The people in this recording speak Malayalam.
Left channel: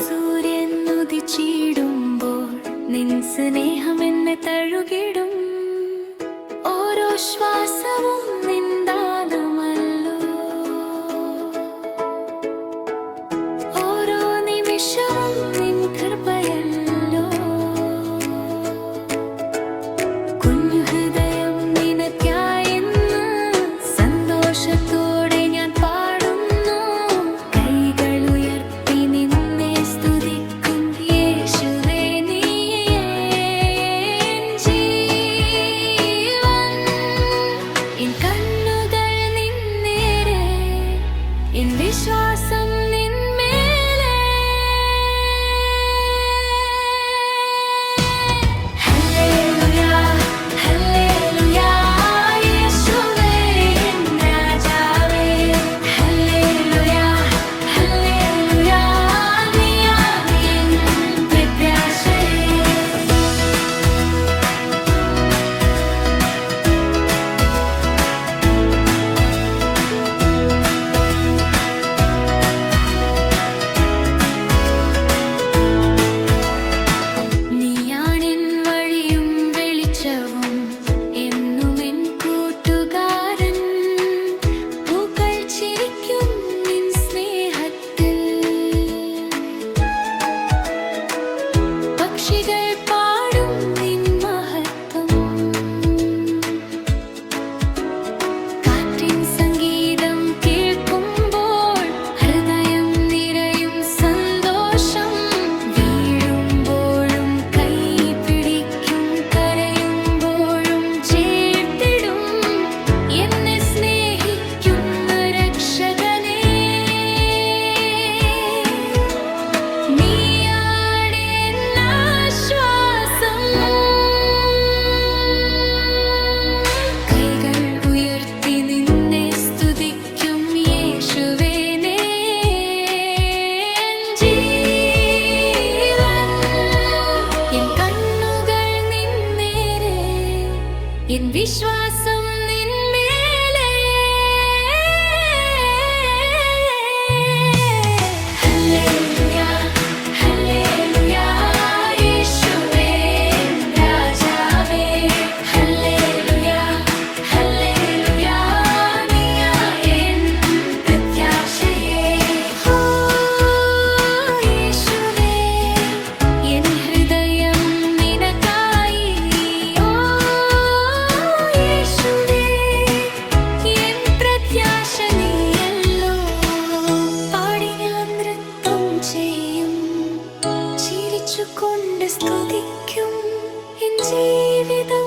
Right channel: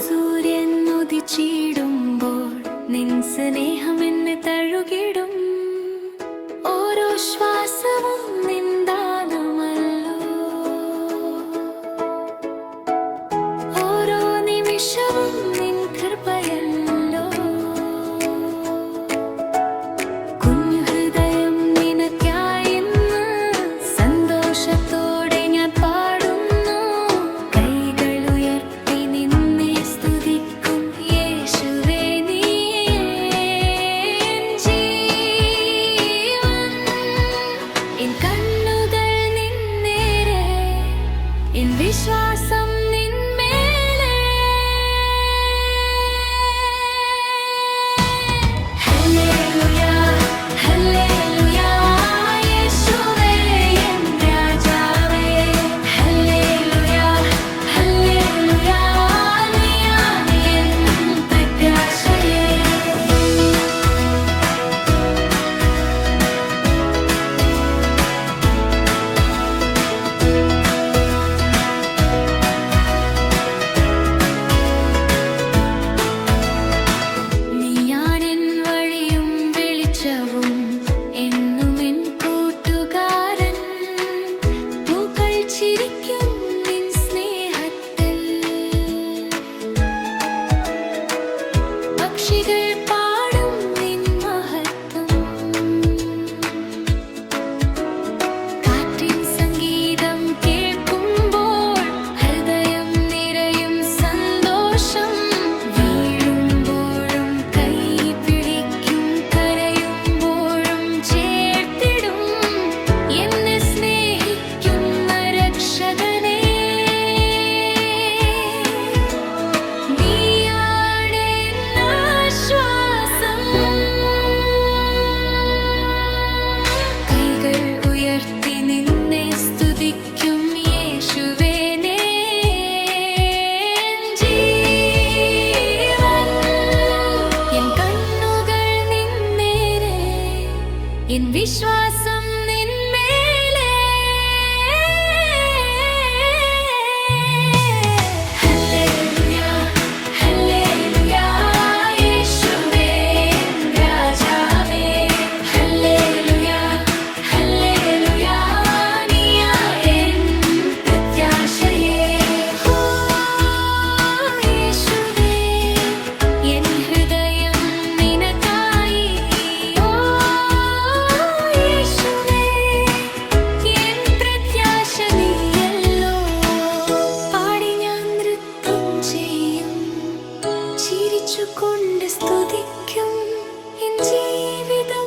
സൂര്യൻ ഉദിച്ചിടുമ്പോൾ നിൻ സ്നേഹം എന്നെ തഴുകിടും. ഓരോ ശ്വാസവും നിൻ ദാനമല്ലോ, ഓരോ നിമിഷവും നിൻ കൃപയല്ലോ. കുഞ്ഞു ഹൃദയം നിനക്കായി ഇന്ന് സന്തോഷത്തോടെ ഞാൻ പാടുന്നു. കൈകൾ ഉയർത്തി നിന്നെ സ്തുതിക്കും യേശുവേ, നീ എൻ ജീവൻ. എൻ കണ്ണുകൾ നിന്നേരെ, എൻ വിശ്വാസം നിന്മേലെ. ഹല്ലേലൂയ ഹല്ലേലൂയ യേശുവേ എൻ രാജാവേ. ഹല്ലേലൂയ ഹല്ലേലൂയ നീയാണ് എൻ പ്രത്യാശയേ. നീയാണെൻ വഴിയും വെളിച്ചവും എന്നും എൻ കൂട്ടുകാരൻ. പൂക്കൾ ചിരിക്കും നിൻ സ്നേഹത്തിൽ, പക്ഷികൾ പാടും നിൻ മഹത്വം. കാറ്റിൻ സംഗീതം കേൾക്കുമ്പോൾ ഹൃദയം നിറയും സന്തോഷം. വീഴുമ്പോഴും കൈ പിടിക്കും, കരയുമ്പോഴും ചേർത്തിടും എന്നെ സ്നേഹിക്കുന്ന രക്ഷകനേ. നീയാണ് എൻ ആശ്വാസം. കൈകൾ ഉയർത്തി നിന്നെ സ്തുതിക്കും യേശുവേ, നീ എൻ ജീവൻ. എൻ കണ്ണുകൾ നിന്നേരെ, എൻ വിശ്വാസം നിന്മേലെ. ഹല്ലേലൂയ ഹല്ലേലൂയ യേശുവേ എൻ രാജാവേ. ഹല്ലേലൂയ ഹല്ലേലൂയ നീയാണ് എൻ പ്രത്യാശയേ. ഓ യേശുവേ, എൻ ഹൃദയം നിനക്കായി. ഓ യേശുവേ, എൻ പ്രത്യാശ നീയല്ലോ. പാടി ഞാൻ നൃത്തം ചെയ്യും, ചിരിച്ചുകൊണ്ട് സ്തുതിക്കും. എൻ ജീവിതം